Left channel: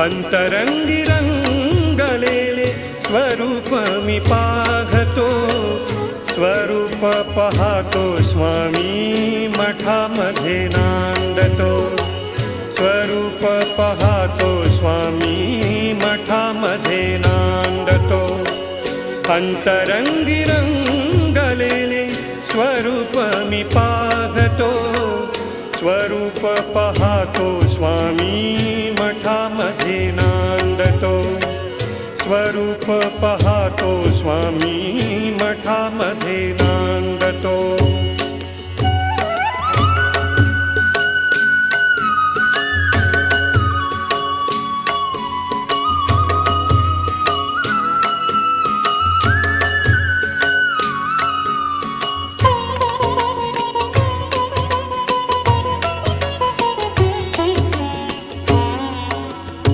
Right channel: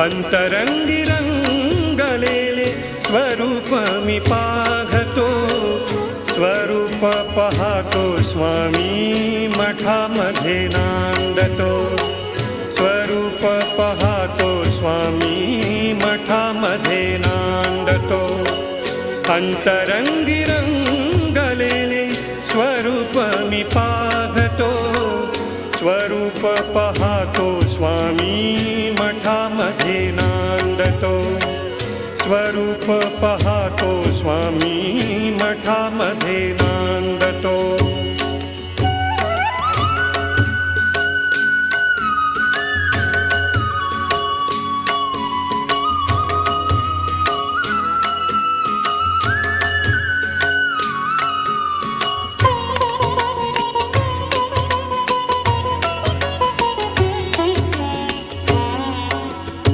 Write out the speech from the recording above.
अंतरंगी रंगलेले स्वरूप मी पाहतो, स्वरूप पाहतो स्वामी मठामध्ये नांदतो, स्वरूप पाहतो स्वामी मठामध्ये नांदतो। अंतरंगी रंगलेले स्वरूप मी पाहतो, स्वरूप पाहतो स्वामी मठामध्ये नांदतो, स्वरूप पाहतो स्वामी मठामध्ये नांदतो।